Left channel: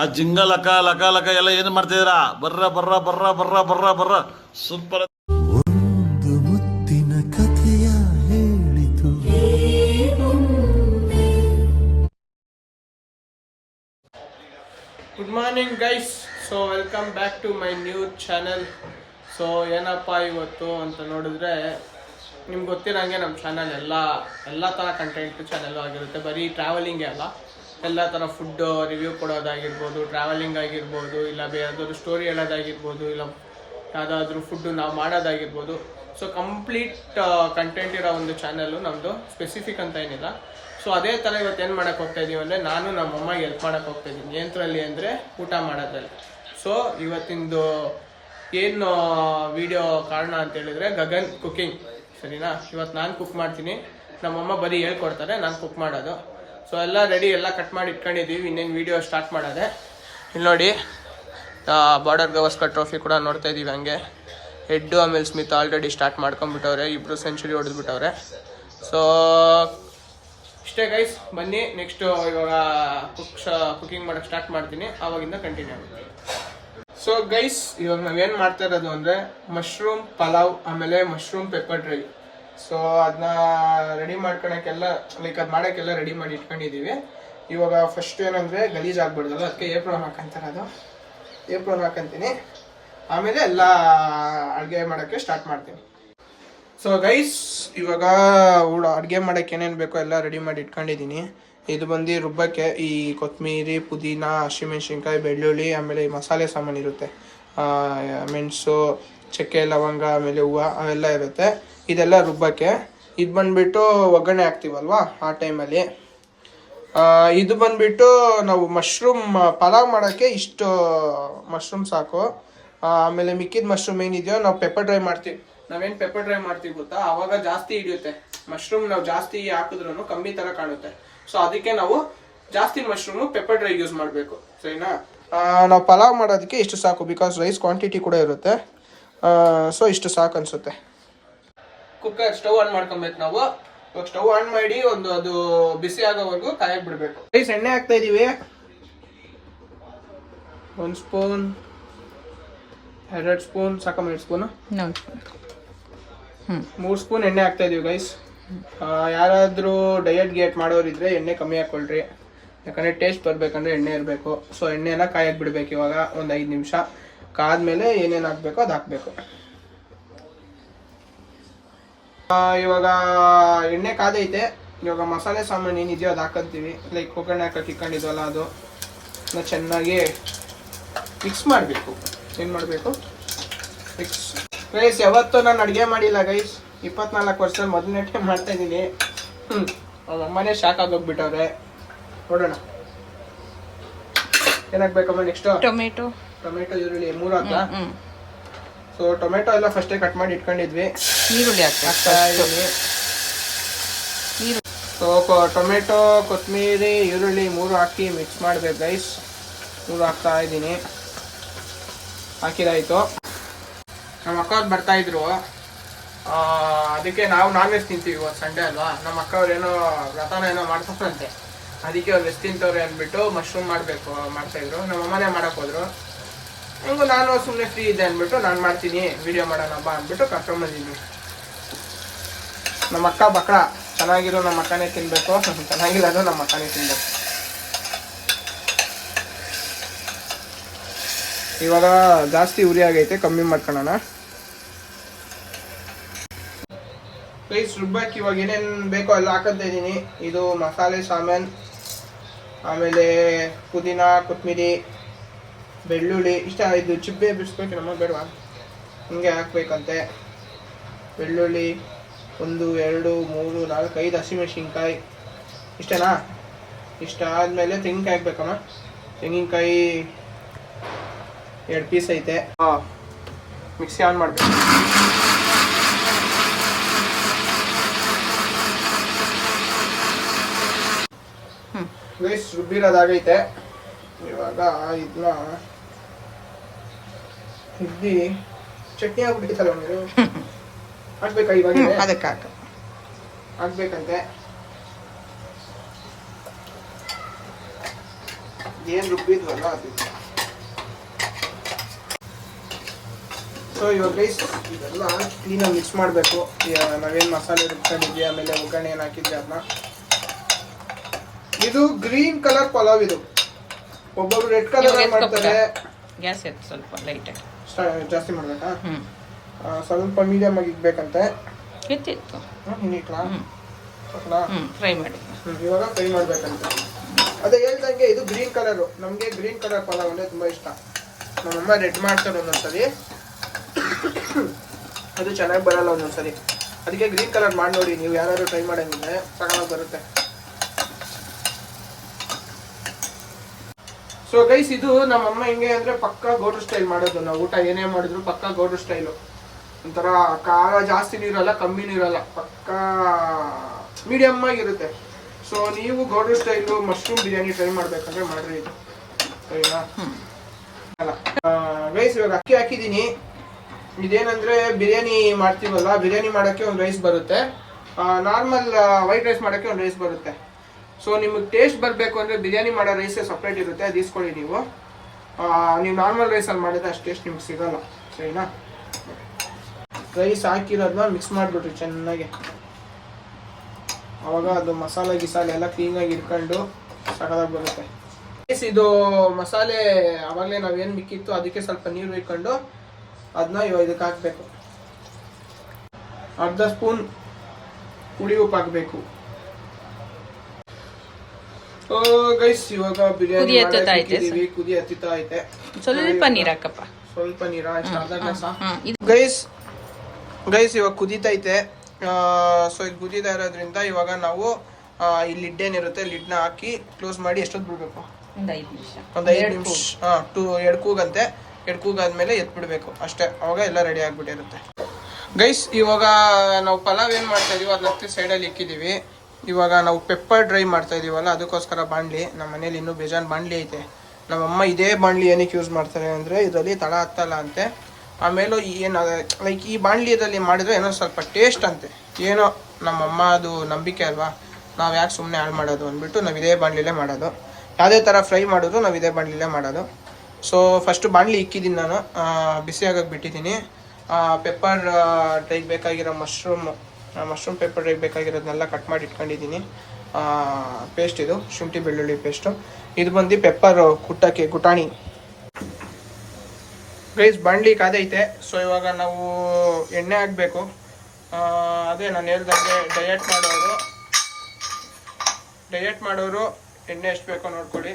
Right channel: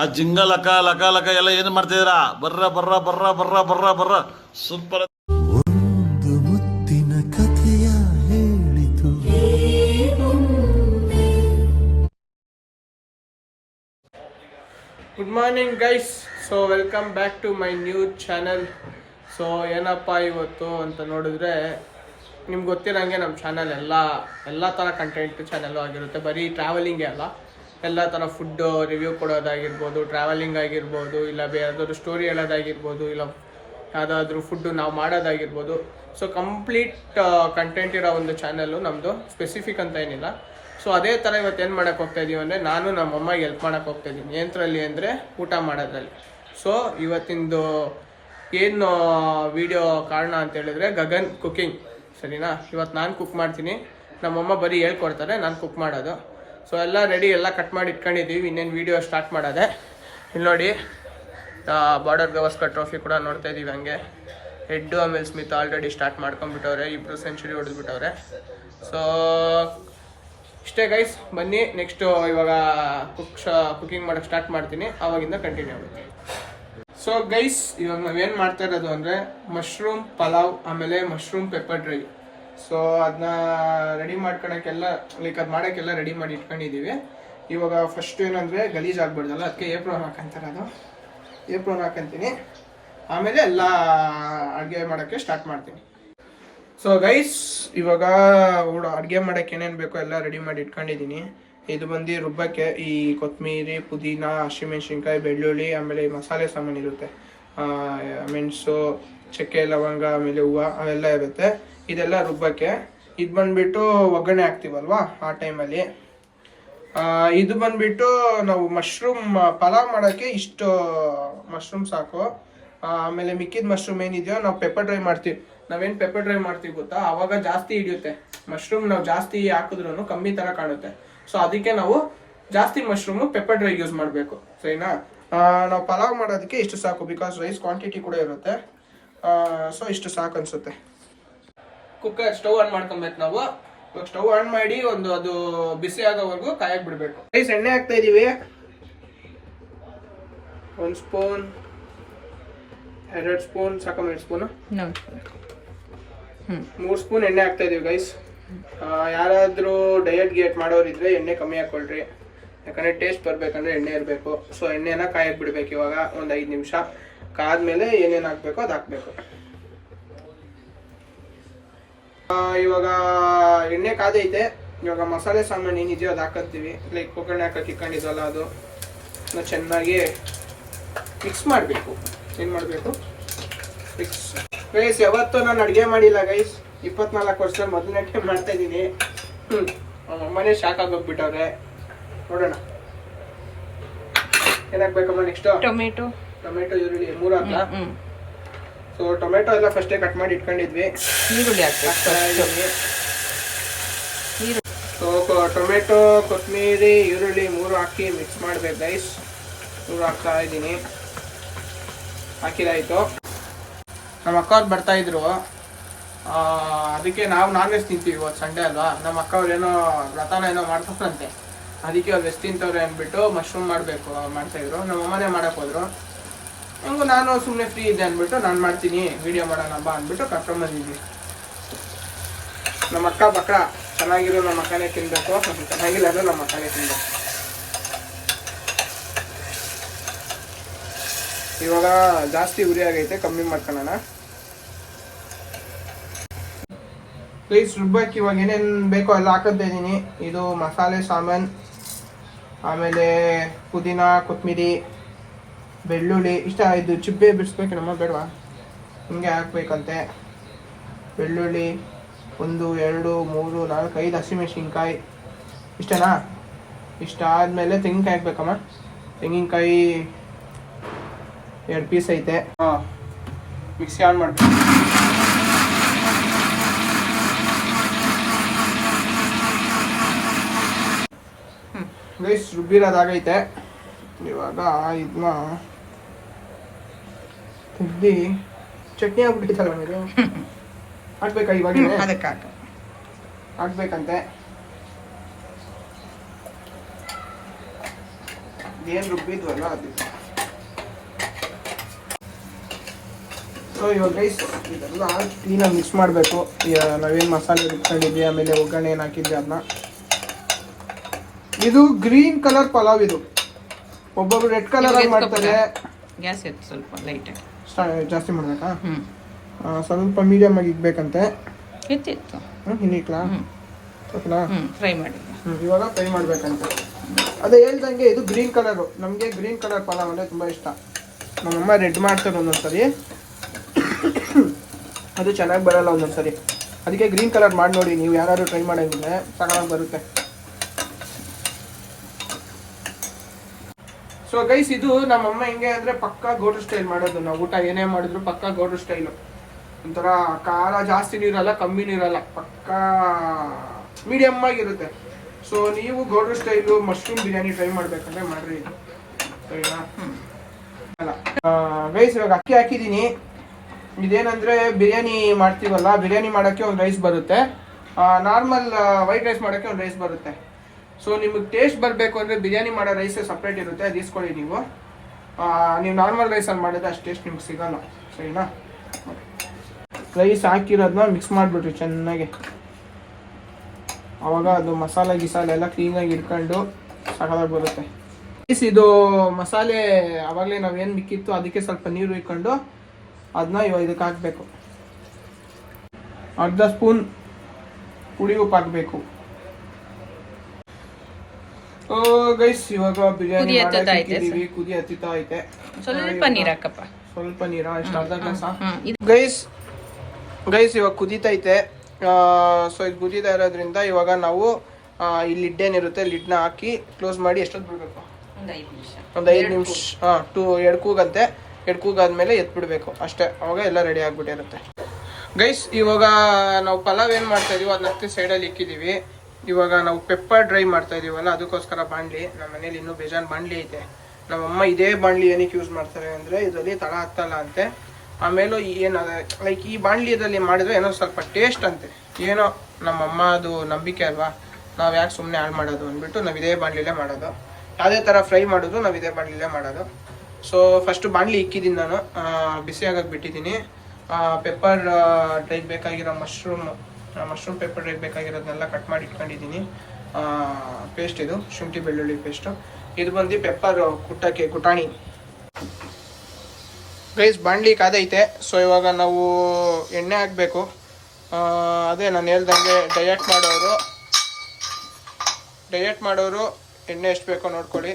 ಆ ಜಿಂಗ ಲಕ ಲಕ ಲಕ ಎಲ್ಲ ಏನು ಮಾಡ್ತಿದ್ದೀರಾ? ಬರ್ರ ಬರ್ರ ಬರ್ರ ಬರ್ರ ಬರ್ರ ಬರ್ರ ಸೂಪರ್. ಒಂದು ಮುತ್ತಿನ ಕಥೆಯ ಹೇಳಿತು. Good morning guys. So welcome back to my new channel. So ಏನಪ್ಪ ಇವತ್ತು ಅಂತ ನೋಡಿದ್ರೆ, ನಿಮ್ಗೆ ಗೊತ್ತಿರೋಂಗೆ ನಮ್ಮ ಚಾನಲ್ ಎಲ್ಲ ಥರ ಕಂಟೆಂಟ್ ಚಾನಲ್ಲು ಆಗಿರುತ್ತೆ. ಬರೀ ಟ್ರಾವೆಲಿಂಗೇ ಅಲ್ಲ, ಎಲ್ಲ ಥರ ಫುಡ್ಡು ರಿವ್ಯೂ ಕೊಡೋದಾಗಿರ್ಬೋದು, ಟ್ರಾವೆಲಿಂಗ್ ಆಗಿರ್ಬೋದು, ಇಲ್ಲ ಯಾವುದಾದ್ರು ಸ್ಟೋರಿ ಹೇಳೋದಾಗಿರ್ಬೋದು, ಇಲ್ಲ ಯಾವುದಾದ್ರೂ ಫುಡ್ಡು ನಾವು ಮಾಡೋದಾಗಿರ್ಬೋದು. ಸೊ ಕಂಪ್ಲೀಟ್ ಕಂಟೆಂಟ್ ಇರೋ ಒಂದು ಚಾನಲ್ಲು ನಮ್ಮದು, ಸ್ಪೆಸಿಫಿಕ್ ಅಂತ ಏನಿಲ್ಲ. ಸೊ ಅದೇ ಥರ ಇವತ್ತು ಏನು ಮಾಡೋಕ್ಕೆ ಹೋಗ್ತಾಯಿದ್ದೀವಿ ಅಂದರೆ, ನಾನು ನಮ್ಮಮ್ಮಗೆ ಹೆಲ್ಪ್ ಮಾಡೋಕ್ಕೆ ಹೋಗ್ತಾಯಿದ್ದೀನಿ. ಏನರಲ್ಲಿ ಅಂದರೆ ಊಟ ಮಾಡೋದ್ರಲ್ಲಿ. ಸೊ ಇವತ್ತಿಂದು ಏನು ವಿಡಿಯೋ ಕಾರಣ ಅಂತೇಳಿದರೆ ಗಗನ್ ಕುಕಿಂಗ್, ಸರಿನಾ? ಇವತ್ತು ನಾನು ಕುಕ್ ಮಾಡ್ತೀನಿ, ನಮ್ಮಮ್ಮ ಬರೀ ಹೇಳ್ಕೊಡ್ತಾರೆ, ನಾನು ಕುಕ್ ಮಾಡೋದು. ಸೊ ಎಲ್ಲ ರೆಡಿ, ಎಲ್ಲ ಕಟ್ ಮಾಡಿ ಇಟ್ಕೊಂಡಿದ್ದೀವಿ. ಇನ್ನೇನು ವೀಡಿಯೋ ಸ್ಟಾರ್ಟ್ ಮಾಡೋದೆ. ಇಲ್ಲಿ ನೋಡಿ, ಬಾರ್ಡರ್ ಗವಾಸ್ಕರ್ ಟ್ರೋಫಿ ಕೂಡ ನೋಡ್ತಾ ಇದ್ದೀವಿ. ಹಂಗೆ ಹೆಡ್ಡು ಆಮೇಲೆ ಸ್ಮಿತ್ ಆಲ್ರೆಡಿ ಸ್ಟಾರ್ಟ್ ಮಾಡ್ಕೊಂಡ್ಬಿಟ್ಟವ್ರೆ, ಇಬ್ಬರು ಸೆಂಚುರಿ ಹೊಡೆದ್ಬಿಟ್ಟವ್ರೆ. ಸೊ ಇಷ್ಟೇ ಗೈಸ್, ಬನ್ನಿ ನೆಕ್ಸ್ಟು ಇವಾಗ ಕುಕಿಂಗ್ ಮಾಡೋಕ್ಕೆ ಸ್ಟಾರ್ಟ್ ಮಾಡ್ತೀನಿ, ಆವಾಗಿಂದ ಕಂಟಿನ್ಯೂ ಆಗುತ್ತೆ. ಸೊ ಗೈಸ್, ಇವಾಗ ನಾವೇನು ಮಾಡ್ತಾ ಇರೋದು ಅಂದರೆ ಮಶ್ರೂಮ್ ಪಲಾವ್ ಆಮೇಲೆ ಮಶ್ರೂಮ್ ಪೆಪ್ಪರ್ ಡ್ರೈ. ಸೊ ಅದನ್ನ ರೆಡಿ ಮಾಡ್ಕೊಳಕ್ಕೆಲ್ಲ, ಲೈಕ್ ಅದು ಮಾಡೋಕ್ಕೆಲ್ಲ ರೆಡಿ ಮಾಡಿ ಇಟ್ಕೊಂಡಿದ್ದೀವಿ. ಇವಾಗ ಫಸ್ಟ್ ಏನಂದರೆ ಗಲೀಜು ಆಗ್ಬಿಡ್ದಲ್ಲ, ಅದಕ್ಕೆ ಏಪ್ರೋನ್ ಹಾಕಂತಾರದು, ಏಪ್ರೋನ್ ಹಾಕಂತೀನಿ. ಆಮೇಲೆ ಎಲ್ಲ ಅಡುಗೆ ಮಾಡೋಕ್ಕೆ ಸ್ಟಾರ್ಟ್ ಮಾಡ್ತೀನಿ. ಸೊ ಗೈಸ್, ಇವಾಗ ಅಡುಗೆ ಮಾಡೋಕ್ಕೆ ಏನೇನು ಬೇಕೋ ಎಲ್ಲ ರೆಡಿ ಮಾಡಿ ಇಟ್ಕೊಂಡಿದ್ದೀನಿ. ಇದು ಬಂದು ರುಬ್ಬಕ್ಕೆ ಈ ಕೊತ್ತಂಬರಿ, ಪುದೀನ, ಹಸಿಮೆಣ್ಸಿನ್ಕಾಯಿ, ಬೆಳ್ಳುಳ್ಳಿ, ಆಮೇಲೆ ಮಸಾಲೆ ಸಾಮಾನು ಇರುತ್ತೆ, ಮೆಣಸು, ಚಕ್ಕೆ, ಲವಂಗ, ಆಮೇಲೆ ಹೂವು ಅವೆಲ್ಲ ಇರುತ್ತೆ. ಇದೆಲ್ಲ ರುಬ್ಬಕ್ಕೆ. ಇದು ಬಂದುಬಿಟ್ಟು ಒಗ್ಗರಣೆ ಹಾಕ್ತೀವಲ್ವಾ ಆ ಟೈಮಲ್ಲಿ. ಇದು ಬಂದುಬಿಟ್ಟು ನಾವು ಮಶ್ರೂಮ್ ಪಲಾವ್ ಮಾಡೋಕ್ಕೆ ಇಷ್ಟು ಮಶ್ರೂಮ್ ಸಾಕು. ಆಮೇಲೆ ಮಿಕ್ಕಿದ ಮಶ್ರೂಮ್ ಏನಿದೆಯೋ ನಾವು ಪೆಪ್ಪರ್ ಡ್ರೈ ಮಾಡ್ತೀವಿ. ನಾವೇನು ಪೆಪ್ಪರ್ ಡ್ರೈ ಮಾಡ್ತೀವಿ ಗೊತ್ತಾ, ಆವಾಗ ಜಾಸ್ತಿ ಹಿಡಿಯುತ್ತೆ ಮಶ್ರೂಮ್. ನಾವು ಜಾಸ್ತಿ ಹಾಕಿದ್ರೂ ಕಮ್ಮಿ ಥರ ಕಾಣುತ್ತೆ. ಸೊ ಅದಕ್ಕೆ ನಾವು ಜಾಸ್ತಿ ಮಶ್ರೂಮು ಪೆಪ್ಪರ್ ಡ್ರೈ ಯೂಸ್ ಮಾಡಬೇಕು, ಸರಿನಾ? ನಾವು ಪಲಾವ್ ಮಾಡೋದಕ್ಕೆ ಇಷ್ಟು ಸಾಕು, ಬಿಕಾಸ್ ರೈಸ್ ಕ್ವಾಂಟಿಟಿ ಕೂಡ ಇರುತ್ತೆ. ಸೊ ಇಷ್ಟು ಸಾಕು ಅನಿಸುತ್ತೆ. ಕುಕ್ಕರ್ ಸ್ಟವ್ ಆನ್ ಮಾಡ್ಕೊಬೇಕು ನಾವು. ಇವಾಗ ಸ್ಟವ್ ಆನ್ ಮಾಡಿ ಅದು ಬಿಸಿ ಆಗೋವರೆಗೂ ಕಾಯಕ್ಕೆ ಬಿಡಬೇಕು. ರೈಸ್ ಎಣ್ಣೆ ಹಾಕ್ತಾ ಇದೀವಿ. 1 ಸ್ಪೂನ್, 2 ಸ್ಪೂನ್ ಸಾಕಮ್ಮ, 2 ಸ್ಪೂನು, 3 ಸ್ಪೂನ್ ಎಣ್ಣೆ ಹಾಕ್ತಾ ಇದೀವಿ ಗೈಸ್. ಯಾರಾದರೂ ಡಯಟ್ ಗೇಟ್ ಮಾಡೋರಿದ್ರೆ ಎಣ್ಣೆ ಕಮ್ಮಿ ಹಾಕ್ಕೊಳ್ರಿ, ಯಾಕಂದರೆ ಟೇಸ್ಟ್ ಬರಬೇಕಂದ್ರೆ ಎಣ್ಣೆ ಇರಬೇಕು. ಸೊ ಎಣ್ಣೆನ ಕಾಯಕ್ಕೆ ಬಿಡಬೇಕು. ಇವಾಗ ಒಂದು 5 ನಿಮಿಷ ಕಾದ್ಮೇಲೆ ಏನೇನು ಹಾಕಬೇಕು ಅದು ಹಾಕಬೇಕು. ಇವಾಗ ಎಣ್ಣೆ ಕಾದೈತೆ. ಇವಾಗ ಮಸಾಲೆ ಸಾಮಾನು ಏನಿದೆಯೋ ಅದು ಹಾಕಂತೀವಿ. ಲೈಕ್ ಒಗ್ಗರಣೆ ಹಾಕಕ್ಕೆ ಇಟ್ಕೊಂಡಿದ್ವಲ್ಲ, ಅದು ಚೆನ್ನಾಗಿ ಮಿಕ್ಸ್ ಮಾಡಬೇಕು. ಏನು ಮಾಡಬೇಕು? ಮಿಕ್ಸ್. ಗೈಸ್, ಯಾವತ್ತೂ ನಾನು ಅಡುಗೆ ಮಾಡಿಲ್ಲ ಗೈಸ್, 24 ವರ್ಷದಲ್ಲಿ ಮೊದಲನೇ ಟೈಮ್ ಮಾಡ್ತಾ ಇದ್ದೀನಿ. ನಮ್ಮಮ್ಮನೇ ಶಾಕ್ ಆಗೋಗ್ಬಿಟ್ಟವ್ರೆ. ನೋಡೋಣ ಏನಾಗಬೇಕಮ್ಮ ನೆಕ್ಸ್ಟ್. ಟೊಮೆಟೊ, ಈರುಳ್ಳಿ 3 ಹಾಕ. ಸೊ ಟೊಮೆಟೊ ಎಲ್ಲ ಫಸ್ಟೇ ಕಟ್ ಮಾಡಿ ಇಟ್ಕೊಂಡಿದ್ವಿ. ಈರುಳ್ಳಿ ಹಾಕ್ತೀವಿ. ಸೊ ಟೊಮೆಟೊ, ಕೊತ್ತಂಬರಿ, ಈರುಳ್ಳಿ 3 ಹಾಕಿ ಮಿಕ್ಸ್ ಮಾಡಬೇಕು ಗೈಸ್. 3 ಹಾಕ್ತಾ ಇದ್ದೀನಿ. ಹಾಕಿದಾಯಿತು. ನಮ್ಮ ಅಕ್ಕ ಅವ್ರು ಬರ್ತಾಯಿದ್ರು, ಅದಕ್ಕೆ ನಾವು ನಾನ್ ವೆಜ್ ತಿಂತೀವಿ. ಇವತ್ತು ಸಂಡೇ ಅಲ್ವಾ, ನಮ್ಮ ಅಕ್ಕ ಅವ್ರು ಏನೋ ವ್ರತನ ಏನೋ ಮಾಡ್ತಾರಂತೆ, ಅದಕ್ಕೆ ಅವ್ರು ವೆಜ್ ತಿಂತವ್ರೆ ಅಂದ್ಬಿಟ್ಟು ಮಶ್ರೂಮ್ ಮಾಡ್ತಾಯಿದ್ರು. ನಮ್ಮ ಅಮ್ಮನೇ ಮಾಡೋಕೆ ಹೋದ್ರು. ಹೆಂಗು ನಾನು ಸುಮ್ಮನೆ ಫ್ರೀ ಇದೆ ಅಂದ್ಬಿಟ್ಟು ನಾನು ಮಾಡ್ತೀನಿ, ವಿಡಿಯೋ ಮಾಡೋಣ ಬಾ ಅಂದ್ಬಿಟ್ಟು ಕರ್ಕೊಂಬಂದಿದ್ವಿ. ನಮ್ಮ ಅಕ್ಕ ಬಕ್ರ ಚೆನ್ನಾಗಿರೋ ನಮ್ಮ ಅಕ್ಕನೇ ತಿನ್ಬೇಕು, ಚೆನ್ನಾಗಿರೋದು ನಮ್ಮ ಅಕ್ಕನೇ ತಿನ್ಬೇಕು. ಇವಾಗ ಜಾಸ್ತಿ ಉರಿ ಆಗೈತೆ, ಕಮ್ಮಿ ಮಾಡ್ಕೊಳ್ಳೋಣ ಪ್ಲೀಸ್. ರುಬ್ಬಕ್ಕೆ ಇವಾಗ ಏನೇನು ಬೇಕೋ ಎಲ್ಲ ಹಾಕೋತಾ ಇದ್ದೀನಿ. ಇದು ಮಸಾಲೆ ಸಾಮಾನು, ಆಮೇಲೆ ಪುದೀನ, ಕೊತ್ತಂಬರಿ, ಬೆಳ್ಳುಳ್ಳಿ. ಇಷ್ಟ ಇದು ಚಿಬ್ಬೆ ಬಿಡಿಸ್ಬೇಕು ನಮ್ಮ ಬೇಡವಾ, ಹಿಂಗೆ ಹಾಕ್ಬೇಕಂತೆ. ಬೆಳ್ಳುಳ್ಳಿ 1, 2, 3, 4, 5 ಹಸಿಮೆಣ್ಸಿನ್ಕಾಯಿ. ಇಷ್ಟನಾ? ಇಷ್ಟ ಆದಮೇಲೆ ತೆಂಗಿನಕಾಯಿ ಹಾಕ್ಬೇಕಮ್ಮ. ತೆಂಗಿನಕಾಯಿ 2 ಪೀಸ್ ಐತೆ. ಮಿಕ್ಸಿ ಆನ್ ಮಾಡಬೇಕು. ಗೈಸ್, ರುಬ್ಬಿರೋದಾಗೈತೆ. ಇವಾಗ ಇದನ್ನ ತೆಗ್ದು ಚಟ್ನಿ ಹಾಕ್ಬಿಟ್ಟಿತ್ತಲ್ಲ ನನಗೆ, ಹಾಕ್ಬೇಕಾ? ಇವಾಗ ಅದಕ್ಕೆ ಹಾಕ್ಬೇಕಂತೆ. ಏನು ರುಬ್ಬಿದ್ವಲ್ಲ ಅದು. ಸೊ ಇವಾಗ ಗೈಸ್ ಇದೆಲ್ಲ ಕ್ಲೀನಾಗಿ ಮಿಕ್ಸ್ ಮಾಡಬೇಕು. ನಾವೇನು ಮಸಾಲೆ ರುಬ್ಕೊಂಡಿದ್ವಿ ಆಮೇಲೆ ಒಗ್ಗರಣೆ ಏನು ಹಾಕಿದ್ವಿ ಅದನ್ನ. ಇದು ಗ್ರೀನ್ ಕಲರ್ ಪಲಾವ್. ಇದು ಒಬ್ಬೊಬ್ರು ರೆಡ್ ಕಲರ್ ಮಾಡ್ತಾರೆ. ಗ್ಯಾಸ್ ಎತ್ತು ಸ್ವಲ್ಪ ಲೈಟಾಗಿ. ಜಾಸ್ತಿ ಮಾಡ್ಬೇಕಾ? ಸ್ವಲ್ಪ ಮೀಡಿಯಮ್ ಆಗಿ ಇಡ್ಬೇಕಂತೆ. ಎತ್ತಿತ್ತು ಇನ್ನಿಟ್ಲಾ ಫ್ರೈ ಮಾಡಿ. ಇವಾಗ ಫ್ರೈ ಮಾಡ್ಬೇಕಂತೆ. ಅದೇ ಹೇಳ್ದಂಗೆ ಇದು ಗ್ರೀನ್ ಕಲರ್. ನಮಗೆ ಗ್ರೀನ್ ಕಲರ್ ಪಲಾವ್ ಅಂದ್ರೆ ತುಂಬಾ ಇಷ್ಟ. ನಮ್ಮಮ್ಮ ರೆಡ್ ಮಾಡ್ತಾರೆ ಒಂದೊಂದ್ಸರಿ, ಅದು ಚೆನ್ನಾಗಿ ಬರಲ್ಲ ಒಂದೊಂದ್ಸರಿ. ಅದಕ್ಕೆ ಗ್ರೀನ್ ಕಲರ್ ಮಾಡಿ ನೋಡಿ, ನೀವು ಯಾರಾದ್ರೂ ಟ್ರೈ ಮಾಡಂಗಿದ್ರೆ ಚೆನ್ನಾಗಿ ಬರುತ್ತೆ. ಸೊ ಗೈಸ್ ಇದು ನಮ್ಮಮ್ಮ ಹೆಂಗೆ ಅಂದ್ರೆ ಪಕ್ಕಾ ಗೌಡ್ರ ಸ್ಟೈಲ್ ಮಾಡೋದು. ನಾವು ಊಟ ಏನೇ ಮಾಡಿದ್ರು ಪಕ್ಕಾ ಗೌಡ್ರ ಸ್ಟೈಲು. ಒಂಥರ ಖಾರ ಜಾಸ್ತಿನೂ ಇರಲ್ಲ ಕಮ್ಮಿನೂ ಇರಲ್ಲ, ಪಕ್ಕಾ ಮೀಡಿಯಮ್ ಆಗಿರುತ್ತೆ. ಸೊ ನೀವು ಗೌಡ್ರ ಸ್ಟೈಲು ಮಶ್ರೂಮ್ ಬಿರಿಯಾನಿ ಟ್ರೈ ಮಾಡ್ಬೇಕಂದ್ರೆ ಮಾಡ್ರಿ ಇದು, ಸರಿನಾ? ಅಲ್ಲ ಗೈಸ್ ಇವಾಗ ಅಕ್ಕಿ ಹಾಕಿದ್ದೀನಿ. ಇದೇನಂದ್ರೆ ಬಿರಿಯಾನಿ ಮಾಡ್ತೀವಲ್ಲ, ಬಿರಿಯಾನಿ ಮಾಡೋಕ್ಕೆ ಒಂದು ರೈಸ್ ಬರುತ್ತೆ, ನಾರ್ಮಲ್ ವೈಟ್ ರೈಸ್ ಮಾಡೋಕ್ಕೆ ಒಂದು ರೈಸ್ ಬರುತ್ತೆ. ಸೊ ನಿಮಗೆ ಟೇಸ್ಟ್ ಬರಬೇಕು ಅಂದರೆ ಬಿರಿಯಾನಿ ಮಾಡೋ ರೈಸ್ ಸಪ್ರೇಟ್ ಇರುತ್ತೆ, ಅದು ಇಸ್ಕೊಳ್ಳಿ ನೀವು. ನೀವು ನಾರ್ಮಲ್ ರೈಸಲ್ಲಿ ಮಾಡಿದ್ರೆ ಅಷ್ಟು ಟೇಸ್ಟ್ ನಿಮ್ಗೆ ಸಿಗೋಲ್ಲ, ಸರಿನಾ? ರೈಸ್ ಹಾಕಿರೋದನ್ನ ಮಿಕ್ಸ್ ಮಾಡಿಬಿಟ್ರಿ ಚೆನ್ನಾಗಿ. ಅವಾಗ ಅದು ಮಸಾಲೆ ಗಿಸಾಲೆ ಎಲ್ಲ ಕ್ಲೀನಾಗಿ ಇಟ್ಕೊಂಡು ಸಕಲಾಗಿ ಬರುತ್ತೆ. ರೈಸ್ ಇದು ಮಸಾಲೆ ಆವಾಗಲೇ ನಾವೇನು ಮಿಕ್ಕಿತ್ತು ಅದಕ್ಕೆ ಸ್ವಲ್ಪ ನೀರು ಇಟ್ಕೊಂಡು ಅದನ್ನ ಇವಾಗ ಇದಕ್ಕೆ ಹಾಕಬೇಕು. ಅರ್ಧ ಸ್ಪೂನ್ ಪುಡಿ ಉಪ್ಪು ಹಾಕಬೇಕು. ಗೈಸ್ ಇವಾಗ ಬಿರಿಯಾನಿ ಕುದಿ ಹತ್ತಿತಾ ಐತೆ. ಸ್ವಲ್ಪ ನೀರು ಹಾಕಪ್ಪ. ಸ್ವಲ್ಪ ನೀರ ಗೈಸ್ ಇವಾಗ ಕುದೀತೈತೆ. ಸೊ ಇದು ಕುದೀತಾ ಇರೋದ್ರಿಂದ ಇವಾಗ ನಾವು ಈ ಲಿಡ್ ಏನಿರುತ್ತೆ ಲಿಡ್ನ ಹಾಕಿ ಕ್ಲೋಸ್ ಮಾಡಿ ಎಷ್ಟೊತ್ತು ಬಿಡ್ಬೇಕು? ಒಂದು 5 ನಿಮಿಷ. 2 ಕೂಗಂತೆ. 2 ಕೂಗಾದ್ಮೇಲೆ ಎತ್ಬಿಡ್ಬೇಕು ಅಷ್ಟೇ. ಅವಾಗ ಎಲ್ಲ ರೆಡಿ ಆಗ್ಬಿಟ್ಟಿರುತ್ತೆ. ಗೈಸ್ ಇವಾಗ ನಾವು ಪಲಾವ್ ಏನು ಮಾಡ್ತಾ ಇದೀವಿ ಅದನ್ನ ಹತ್ತಿ ಸೈಡಲ್ಲಿ ಇಕ್ಕಿದ್ದೀವಿ. ಇವಾಗ ನಾವು ಪೆಪ್ಪರ್ ಡ್ರೈ ಮಾಡ್ತಾ ಇದೀವಲ್ಲ ಅದಕ್ಕೋಸ್ಕರ ಬಾಣಲಿ. ನಮ್ಮ ಮನೇಲಿ ಇನ್ನೂ ಬೇಜಾನ್ ಬಾಣಲಿ ಐತೆ. ನಮ್ಮಮ್ಮ ಇದೇ ಬಾಣಲಿ ಏನಕ್ಕೆ ಯೂಸ್ ಮಾಡ್ತಾರೆ ಅಂದರೆ ಇದರಲ್ಲಿ ತಳ ಹತ್ತಲ್ಲ ಅಂತೆ. ಆಮೇಲೆ ಏನು ಲೈಕ್ ಈ ಬಾಣಲಿಯಲ್ಲಿ ಮಾಡಿದ್ರೆ ಏನೋ ಸ್ವಲ್ಪ ಟೇಸ್ಟ್ ಅಂತೆ. ಏನೋ ನಮ್ಮಮ್ಮ ಅದು ನಂಬಿಕೆ ಅಲ್ವಾ, ನಾವು ಯಾಕೆ ಸುಮ್ಮನೆ ಹಾಳು ಮಾಡೋದು ಅಂದ್ಬಿಟ್ಟು ನಾವು ಇದೇ ಬಾಣಲಿಲೇ ಮಾಡೋದು. ಯಾವುದೇ ಥರ ಫ್ರೈ ಮಾಡಿದ್ರು ನಾವು ಇದೇ ಬಾಣಲಿಲೇ ಮಾಡೋದು. ಸೊ ಫಸ್ಟು ಬಾಣಲಿ ಇಕ್ಕಿದ್ದೀನಿ ನಾನು, ಬಿಸಿ ಆಗೋಕ್ಕೆ ಬಿಟ್ಟಿದ್ದೀನಿ. ಪೆಪ್ಪರ್ ಡ್ರೈಗೆ ಬೇಕಾಗಿರೋ ಮಶ್ರೂಮ್ ಪೆಪ್ಪರ್ ಡ್ರೈಗೆ ಬೇಕಾಗಿರೋದನ್ನೆಲ್ಲ ಕಟ್ ಮಾಡಿ ಇಟ್ಕೊಂಡಿದ್ದೀನಿ. ಪೇಸ್ಟ್ ಇದು ಶುಂಠಿ ಬೆಳ್ಳುಳ್ಳಿ ಪೇಸ್ಟು. ಇದು ಬಂದು ಪೆಪ್ಪರ್ ಕುಟ್ಟಕ್ಕೆ ಕುಟಾಣಿ. ಗೈಸ್ ಬಾಣಲಿ ಕಾದೈತೆ. ಸೊ ಇವಾಗ ನಾವು ಎಣ್ಣೆ ಹಾಕಬೇಕು. ಅದೇ ನಾನು ಹೇಳ್ದಂಗೆ ಡಯಟ್ ಮಾಡೋರು ಎಣ್ಣೆ ಎಷ್ಟು ಬೇಕೋ ನೋಡ್ಕೊಳ್ಳಿ.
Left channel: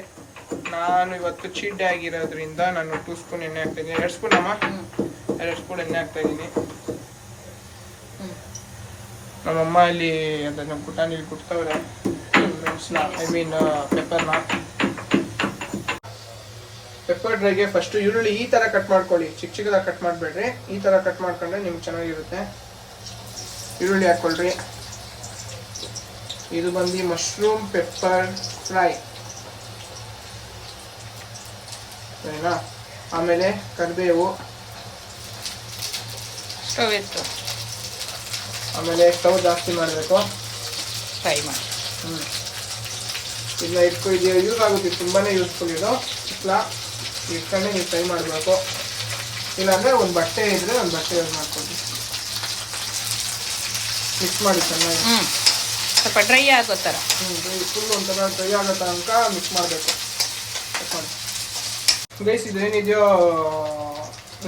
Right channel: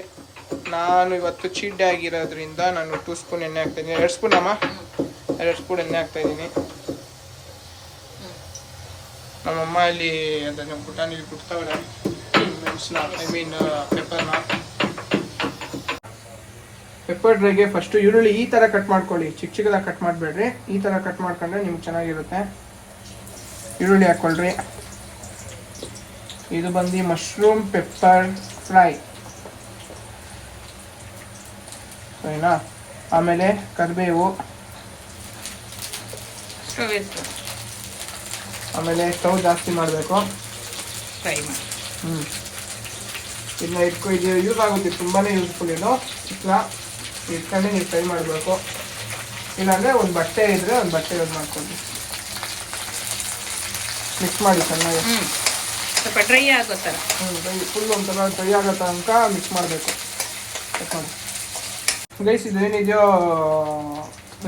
ನಾನು ಇವತ್ತು ಚೀಟ್ ಡೇ ಆಗಿರೋದ್ರಿಂದ ನಾನು 2 ಸ್ಪೂನ್ ಎಣ್ಣೆ ಹಾಕ್ತಾಯಿದ್ದೀನಿ. 2 ಸ್ಪೂನ್ ಅಮ್ಮ, 2 ಸ್ಪೂನ್ ಎಣ್ಣೆ ಹಾಕ್ತಾಯಿದ್ದೀನಿ. ನಮ್ಮಮ್ಮ ಇಲ್ಲಿ ಅದನ್ನು ಕುಟಾಣಿಲಿ ಕುಟ್ತವ್ರೆ ಮೆಣಸನ್ನ, ಪೆಪ್ಪರ್ನ. ಪೆಪ್ಪರ್ ಡ್ರೈಗೆ ಫಸ್ಟು ಈರುಳ್ಳಿ ಈ ಥರ ಕಟ್ ಮಾಡ್ಕೊಳ್ಳಿ, ಚಿಕ್ಕ ಚಿಕ್ಕದಾಗಿ ಕಟ್ ಮಾಡಬೇಡ್ರಿ. ಈ ಥರ ಕಟ್ ಮಾಡ್ಕೊಂಡ್ರೆ ನಿಮ್ಗೆ ಚೆನ್ನಾಗಿರುತ್ತೆ. ಈರುಳ್ಳಿ ಹಾಕ್ಕೊಳ್ರಿ. ಇದು ಬಂದು ಮಶ್ರೂಮ್ ಪೆಪ್ಪರ್ ಫ್ರೈ, ಸರಿನಾ? ಆಮೇಲೆ ಕರಿಬೇವು, ಆಮೇಲೆ ಸ್ಟವ್ ಜಾಸ್ತಿ ಮಾಡಬೇಕು, ಫ್ರೈ ಮಾಡಿ. ಇದನ್ನ ಇಟ್ಕೊಂಡು ಯೂಸ್ ಆಗುತ್ತೆ, ತುಂಬಾ ಯೂಸ್ಫುಲ್ ಇದು. ಇಟ್ಕೊಂಡು ನೀವು ಫ್ರೈ ಮಾಡಬೇಕು. ಇಲ್ಲಾಂದರೆ ಒಂದು ಬಟ್ಟೆ ಇದ್ದರೆ ಒಂದು ಬಟ್ಟೆ ಯೂಸ್ ಮಾಡ್ಕೊಳ್ಳಿ. ಮಿಕ್ಸ್ ಮಾಡಿ ಚೆನ್ನಾಗಿ, ಸ್ವಲ್ಪ ಡ್ರೈ ಆಗೋ ಥರ. ಫುಲ್ ಒಂಥರ ಡ್ರೈ ಆಗೋ ತನಕ ಮಿಕ್ಸ್ ಮಾಡಬೇಕು. ಗೈಸ್ ಇದೇನಿದೆಯೋ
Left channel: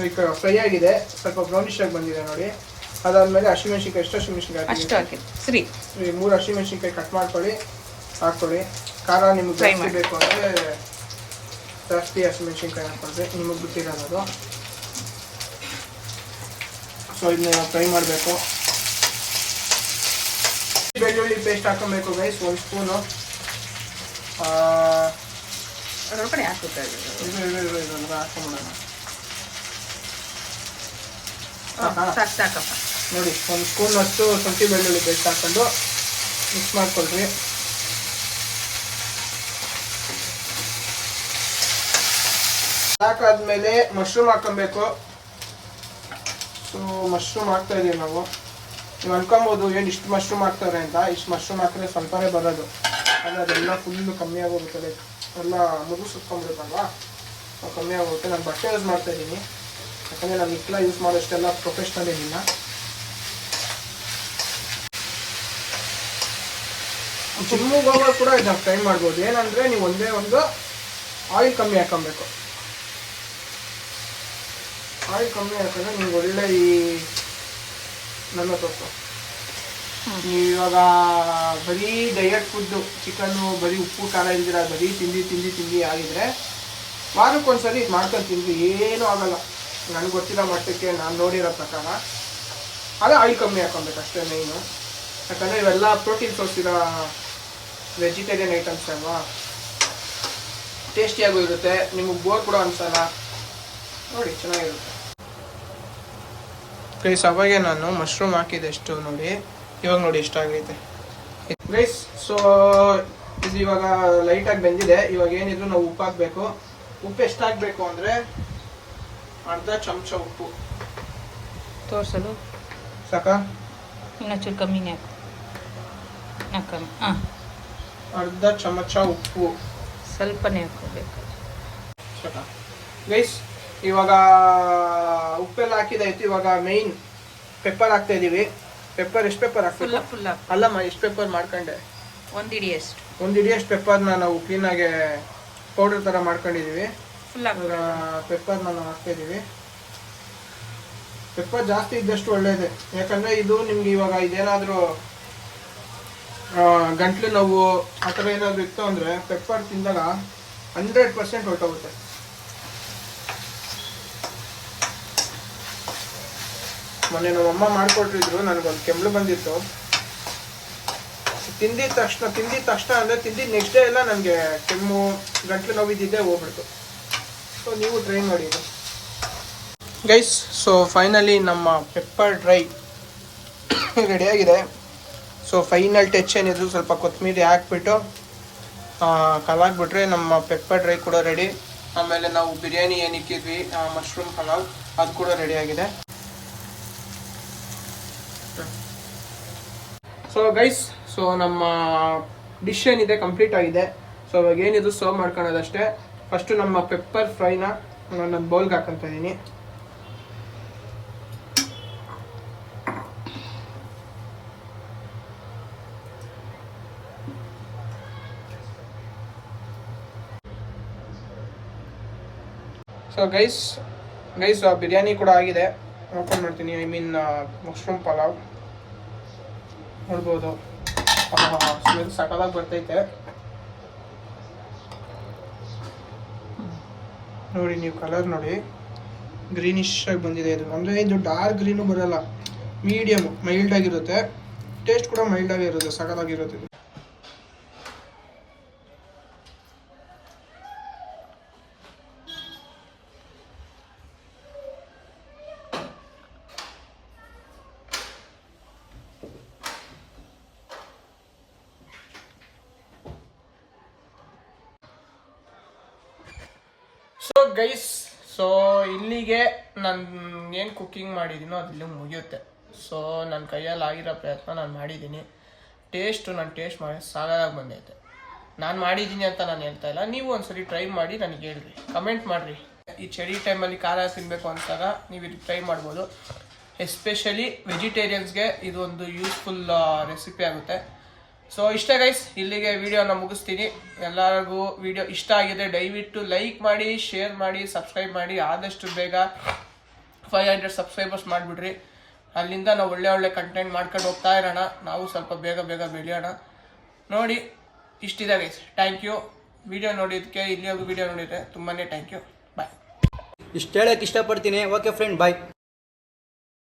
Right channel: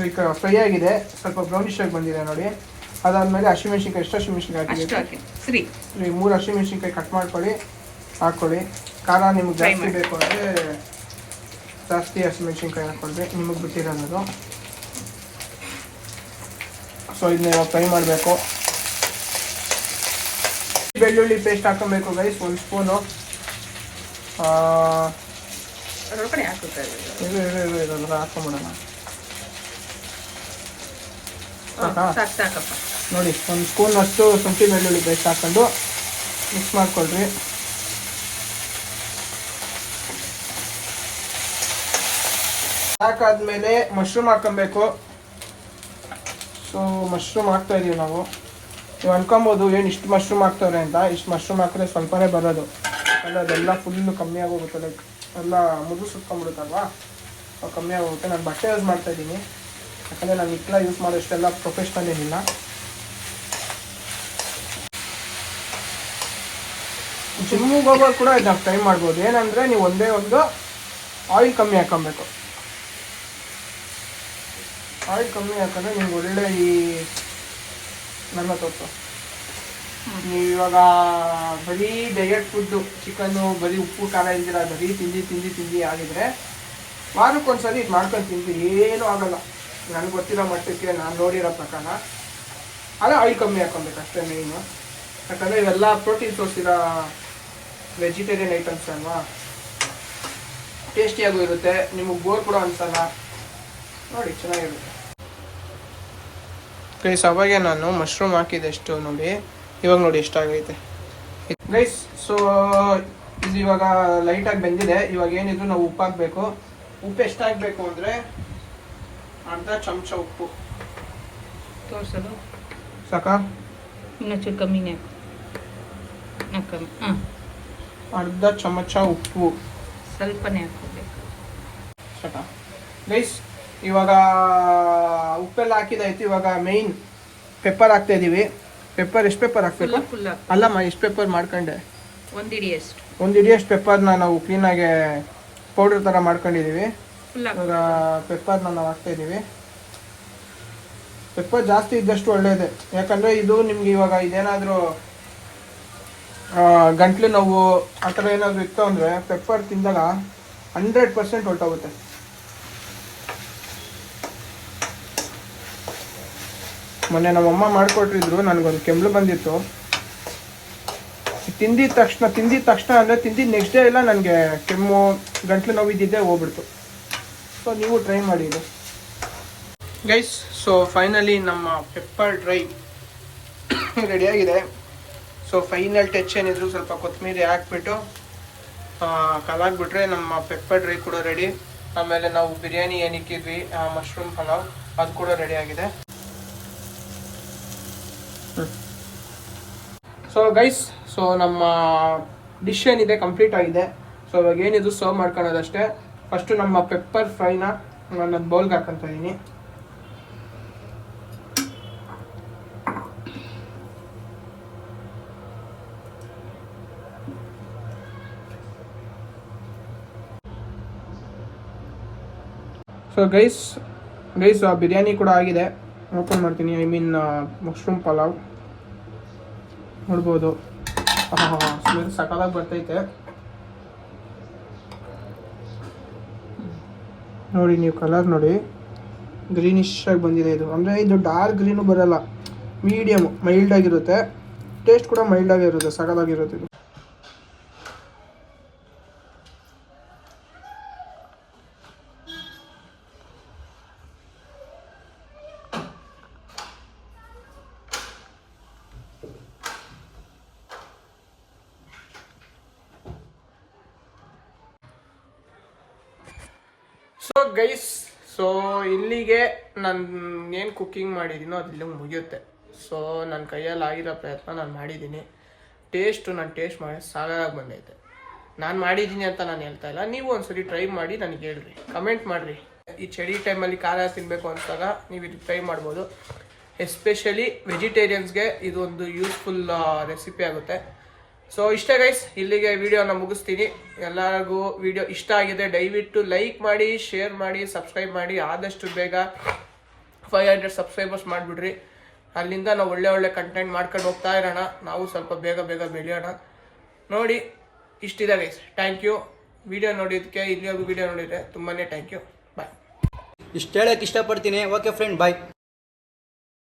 ಈಗ ಫ್ರೈ ಆಗಿದೆ, ಸ್ವಲ್ಪ ಬ್ರೌನಿಶ್ ಆಗಿ ಬಂದಿದೆ ನೋಡಿ. ಅದಾದಮೇಲೆ ಹಸಿಮೆಣ್ಸಿನ್ಕಾಯಿ, ಎಷ್ಟು ಹಸಿಮೆಣ್ಸಿನ್ಕಾಯಿ ಹಾಕಿ? 3 ಹಸಿಮೆಣ್ಸಿನ್ಕಾಯಿ ಕಟ್ ಮಾಡ್ಕೊಳ್ಳಿ, ಹಾಕ್ಕೊಳ್ಳಿ. ಖಾರ ನಿಮ್ಗೆ ಜಾಸ್ತಿ ಬೇಕು ಅಂದರೆ ಜಾಸ್ತಿ ಹಸಿಮೆಣ್ಸಿನ್ಕಾಯಿ ಹಾಕ್ಕೊಂಡ್ರೆ ನಿಮಗೆ ಬಿಟ್ಟಿರೋದು. ಸೊ ಇದನ್ನ ಇವಾಗ ಫ್ರೈ ಮಾಡಬೇಕು. ಬೆಳ್ಳುಳ್ಳಿ ಪೇಸ್ಟ್ ಹಾಕೊಬೇಕು ಗೈಸ್, 1 ಸ್ಪೂನು. ಒಳಗಡೆ ಹಾಕುತ್ತೆ ಇದು ಹಾಕೊಂಬಿಡೋಣ. ಸಾಕಪ್ಪ ನೋಡಿ, 1 ಸ್ಪೂನ್ ಅಷ್ಟು ಶುಂಠಿ ಬೆಳ್ಳುಳ್ಳಿ ಪೇಸ್ಟ್ ಹಾಕೊಂಡು ಮಿಕ್ಸ್ ಮಾಡ್ಕೊಳ್ರಿ. ಹಾಕಾದ್ಮೇಲೆ ಮಶ್ರೂಮ್ ಹಾಕೊಬೇಕು. ಸೊ ಮಶ್ರೂಮ್ ಹಾಕ್ತಾ ಇದೀವಿ ನಾವು. ನೀವು ಅನ್ಕೊಬೋದು ಏನು ಇಷ್ಟು ಮಶ್ರೂಮ್ ಹಾಕ್ತವ್ರೆ ಅಂತ. ಇಷ್ಟು ಮಶ್ರೂಮ್ ಹಾಕಿದ್ರೆ ಸ್ವಲ್ಪನೇ ಬರೋದು, ಅದೆಲ್ಲ ಫುಲ್ಲು ಕಮ್ಮಿ ಆಗೋಗುತ್ತೆ. ಲೈಕ್ ಎಲ್ಲ ಮುದು ಸುತ್ಕೊಂಡ್ಬಿಡುತ್ತಲ್ವಾ ಕಮ್ಮಿ ಆಗುತ್ತೆ. ನಾನು ಬಟ್ಟೆ ಯೂಸ್ ಮಾಡ್ತಾ ಇದ್ದೀನಿ, ಯಾಕಂದರೆ ನಾನು ಹಿಟ್ಲ ಯೂಸ್ ಮಾಡೋಷ್ಟೆಲ್ಲ ಪ್ರೊಫೆಷ್ನಲ್ ಏನಿಲ್ಲ. ಜಿಮ್ಮಿಗೆ ಹೋಗೋರು ಕೂಡ ಇದನ್ನ ಟ್ರೈ ಮಾಡ್ಬೋದು. ಏನಂದರೆ ನೀವು ಒಂದೇ ಒಂದು ಆಯಿಲ್ ಕಮ್ಮಿ ಹಾಕೊಬೇಕು. ಆಯಿಲ್ ಕಮ್ಮಿ ಹಾಕಿದ್ರೆ ನಿಮ್ಗೆ ಒಳ್ಳೆ ಈ ನನ್ನ ತೋರಿಸು. ನೀವು ಇವಾಗ ಬರೀ ಡಯಟ್ ಫುಡ್ಡು ಚಿಕನ್ನು ಬರೀ ಉಪ್ಪು ಖಾರ ಇಲ್ದಿರ ಬರೀ ತಿಂದು ಆಗಿದ್ರೆ ವಾರಕ್ಕೊಂದ್ಸರಿ ಇದು ಮಾಡ್ಕೊಂಡು ತಿಂದು ಏನೂ ಆಗೋಲ್ಲ. ನನಗೆ ಗೊತ್ತಿರೋ ಮಟ್ಟಕ್ಕೆ ನಾನು ನೋಡಿರೋ ಪ್ರಕಾರ ಅದೇ ಆಯಿಲ್ ಕಮ್ಮಿ ಹಾಕೊಬೇಕು ಅಷ್ಟೇ ಮೇಯ್ನು. ಯಾಕಂದರೆ ಇವೆಲ್ಲ ಪ್ರೋಟೀನ್ ಸೋರ್ಸ್ ಇರೋ ವೆಜಿಟೇರಿಯನ್ ಐಟಮ್ಸ್ ಅಲ್ವಾ, ಟೇಸ್ಟಿಯಾಗೂ ಇರುತ್ತೆ, ನಿಮಗೆ ಬೋರ್ ಕೂಡ ಅನ್ಸಲ್ಲ. ನೋಡಿ ಚೆನ್ನಾಗಿರುತ್ತೆ ಗೈಸ್. ಅವಾಗೆ ನಾನು ಮಶ್ರೂಮ್ ಹಾಕಿದೆ ಎಷ್ಟು ನೋಡಿ, ಇವಾಗ ನೋಡಿ ಎಷ್ಟಾಗೈತೆ ಗೈಸ್. ಸೊ ಇದು ಇವಾಗ ಲೈಟಾಗಿ ಬೆಂದಿದೆ. ಇವಾಗ ಏನಿದ್ರು ನಾವು ಉಪ್ಪು ಹಾಕಬೇಕು. ಉಪ್ಪು ಎಷ್ಟಾಗಬೇಕು ಅಂದರೆ ಅರ್ಧ ಚಮಚ ಉಪ್ಪು ತೋರಿಸಲು ಸಾಕಾ? ಇನ್ನೊಂಚೂರು ಕಮ್ಮಿನೇ ಹಾಕು. ಹಾಂ, ಅರ್ಧ ಚಮಚ ಉಪ್ಪು ಸ್ವಲ್ಪನೇ ಹಾಕೋಬೇಕು ಸಾಕಾ ಗೈಸ್? ಇವಾಗ ಉಪ್ಪೆಲ್ಲ ಹಾಕಿದಾಯ್ತು. ಇವಾಗ ಮೇಯ್ನ್ ಪೆಪ್ಪರ್ ಹಾಕ್ತಾ ಇದೀವಿ. ಪೆಪ್ಪರ್ ಎಷ್ಟು ಪೆಪ್ಪರ್ ಹಾಕ್ತೀವಿ? ಫುಲ್ ಅಲ್ಲಮ್ಮ, ಎಷ್ಟು ಪೆಪ್ಪರ್ ಮಾಡ್ಕೊಂಡೆ? ಒಂದು ಹಿಡಿಯಷ್ಟು. ಒಂದು ಹಿಡಿಯಷ್ಟು ಪೆಪ್ಪರ್ನ ನಾವು ಕ್ಲೀನಾಗಿ ಪೌಡರ್ ಥರ ಮಾಡ್ಕೊಂಡಿದ್ದೀವಿ. ಫುಲ್ ಇವಾಗ ಪೆಪ್ಪರ್ನ ನಾವು ಹಾಕ್ತಾ ಇದ್ದೀವಿ. ಪೆಪ್ಪರ್ ಜಾಸ್ತಿ ಇದ್ದಷ್ಟು ಒಳ್ಳೆಯದೇ, ಯಾಕಂದರೆ ಇದು ನಿಮ್ಗೆ ಇವಾಗ ಇದೇನಾದರೂ ಗಂಟ್ಲು ನೋವು ಆ ಥರ ಏನಾದರೂ ಇತ್ತು ಅಂದರೆ ಪೆಪ್ಪರ್ ತಿಂದಾಗ 100% ಹೊರಟೋಗುತ್ತೆ. ಮೊನ್ನೆ ನಮ್ಮಮ್ಮ ಮಾಡಿಕೊಟ್ಟಿದ್ರು, ನನಗೊಂದು ಕೆಮ್ಮು ಬಂದಿತ್ತು. ತಿಂದಿದ ತಕ್ಷಣ ಅಂದರೆ ತಿಂದಿದ್ದು ನೆಕ್ಸ್ಟ್ ಡೇ ಎಲ್ಲ ನನಗೆ ಕೆಮ್ಮು ಗಂಟ್ಲು ನೋವಿದ್ದಿದ್ದೆ ಹೋಗ್ಬಿಡ್ತು. ಸೊ ನೀವು ಟ್ರೈ ಮಾಡಿ ಇದು ಗೈಸ್. ಸೊ ಫೈನಲಿ ನಮ್ಮ ಪೆಪ್ಪರ್ ಡ್ರೈ ರೆಡಿಯಾಗಿದೆ. ಸೊ ಫೈನಲ್ ಟಚ್ ಏನಿದ್ರು ಸ್ವಲ್ಪ ಕೊತ್ತಂಬರಿ ಹಾಕ್ಬಿಟ್ಟು ಕಲಾಕ್ಬಿಟ್ರೆ ನಮ್ಮ ಪೆಪ್ಪರ್ ಡ್ರೈ ಕೂಡ ರೆಡಿ. ಆಮೇಲೆ ನಾವು ಬಿರಿಯಾನಿ ಏನಿಕ್ಕಿದ್ವಿ ಮಶ್ರೂಮ್ ಪಲಾವ್ ಅದು ಕೂಡ ರೆಡಿಯಾಗಿದೆ. ಸೊ ಗೈಸ್, ಸೊ ನಮ್ಮ ಡಿಶ್ ಏನಿದೆ ಕಂಪ್ಲೀಟ್ ಆಗಿದೆ. ಸೊ ಇವಾಗ ಏನಿದು ಸರ್ವ್ ಮಾಡ್ಕೊಳ್ಳೋದಷ್ಟೇ. ಫಸ್ಟು ನಮ್ಮ ಪೆಪ್ಪರ್ ಫ್ರೈನ ನಾನು ಬೌಲ್ಗೆ ಹಾಕೊಂತ ಇದ್ದೀನಿ. ಸೊ ಗೈಸ್ ಬಿರಿಯಾನಿ ಕೂಡ ಆಗಿದೆ. ಓಪನ್ ಮಾಡ್ತೀನಿ. ಐ ಮೀನ್ ಮಶ್ರೂಮ್ ಪಲಾವ್ ನೋಡ್ಬೋದು. ಸಕಲಾಗಿ ಬರ್ತೈತೆ ನೋಡಿ, ನೀವು ಕಲರ್ ನೋಡಿ, ಗ್ರೀನಿಶ್ ಆಗಿ ಬಂದಿದೆ. ಇದು ಅಂದರೆ ಇದು ಡಾರ್ಕ್ ಗ್ರೀನು ಬರಲ್ಲ, ಮೀಡಿಯಮ್ ಮೈಲ್ಡ್ ಆಗಿರುತ್ತೆ. ಟೇಸ್ಟ್ ಕೂಡ ಮೈಲ್ಡ್ ಆಗಿರುತ್ತೆ, ಸಕಲಾಗಿರುತ್ತೆ ಇದು. ಸೊ ಗೈಸ್, ಸೊ ಇಲ್ಲಿಗೆ ನಾನು ಏನು ಕುಕ್ಕಿಂಗ್ ಮಾಡಿದ್ದೀನೋ ಅದು ಇಲ್ಲಿಗೆ ಮುಗಿಯುತ್ತೆ. ಸೊ ನನ್ನ ಕೈಯಲ್ಲಿ ಆಗಿರೋ ಪ್ರಯತ್ನ ನಾನು ಮಾಡಿದ್ದೀನಿ. ನಾನು ಟೇಸ್ಟ್ ಮಾಡಿ ಸಾಕಾಗಿ ಬಂದೈತೆ. ನಾನು ಮಾಡಿದ್ದೀನಿ ಅಂತ ನಾನು ಹೇಳ್ತಾ ಇಲ್ಲ, ನೀವು ಒಂದ್ಸರಿ ಟ್ರೈ ಮಾಡಿ ನನಗೆ ಹೇಳ್ರಿ, ಕಮೆಂಟ್ ಮಾಡಿರಿ. ಈ ಚಳಿ ಟೈಮಲ್ಲಿ ಖಾರ ತಿನ್ನಬೇಕು ಅಂತಾಗ ನೀವು ಇದು ಟ್ರೈ ಮಾಡ್ಬೋದು. ಎಸ್ಪೆಷಲಿ ವೆಜಿಟೇರಿಯನ್ಸ್ಗೆ ಇದು ಒಂದು ಯೂಸ್ಫುಲ್ ರೆಸಿಪಿ ಆಗುತ್ತೆ. ಸೊ ಇಷ್ಟೇ ಗೈಸ್, ಇಲ್ಲಿಗೆ ವಿಡಿಯೋನ ಮುಗಿಸ್ತೀನಿ. ಎಲ್ಲರಿಗೂ ವಿಡಿಯೋ ಇಷ್ಟ ಆಗಿದೆ ದಯವಿಟ್ಟು ಲೈಕ್ ಮಾಡಿ, ಶೇರ್ ಮಾಡಿ, ಸಬ್ಸ್ಕ್ರೈಬ್ ಮಾಡಿ. ಆದಷ್ಟು ಬೇಗ 500 ಸಬ್ಸ್ಕ್ರೈಬರ್ಸ್ ಮಾಡಿಬಿಡ್ರಿ. ಅಲ್ಲಿಂದ ನಾವು ಒಳ್ಳೆ ಕಂಟೆಂಟ್ ಮಾಡ್ಕೊಂಡು ಹೋಗ್ತಾ ಇರೋಣ. ನಾವು ಸ್ವಲ್ಪ ಬೇಗ ಬೆಳೆಯೋಣ. ನೋಡಿ ಇಷ್ಟಿದೆ ಗೈಸ್. ಥ್ಯಾಂಕ್ ಯು ವಿಡಿಯೋ ನೋಡಿದ್ದಕ್ಕೆ. ಇಲ್ಲಿವರೆಗೂ ವಿಡಿಯೋ ನೋಡಿದರೆ ತುಂಬಾ ಥ್ಯಾಂಕ್ ಯು. ಬಾಯ್. ಇಷ್ಟು ಹೇಳೋಕ್ಕೆ ಇಷ್ಟಪಡ್ತೀನಿ. ಓಕೆ ಫ್ರೆಂಡ್, ಬಾಯ್.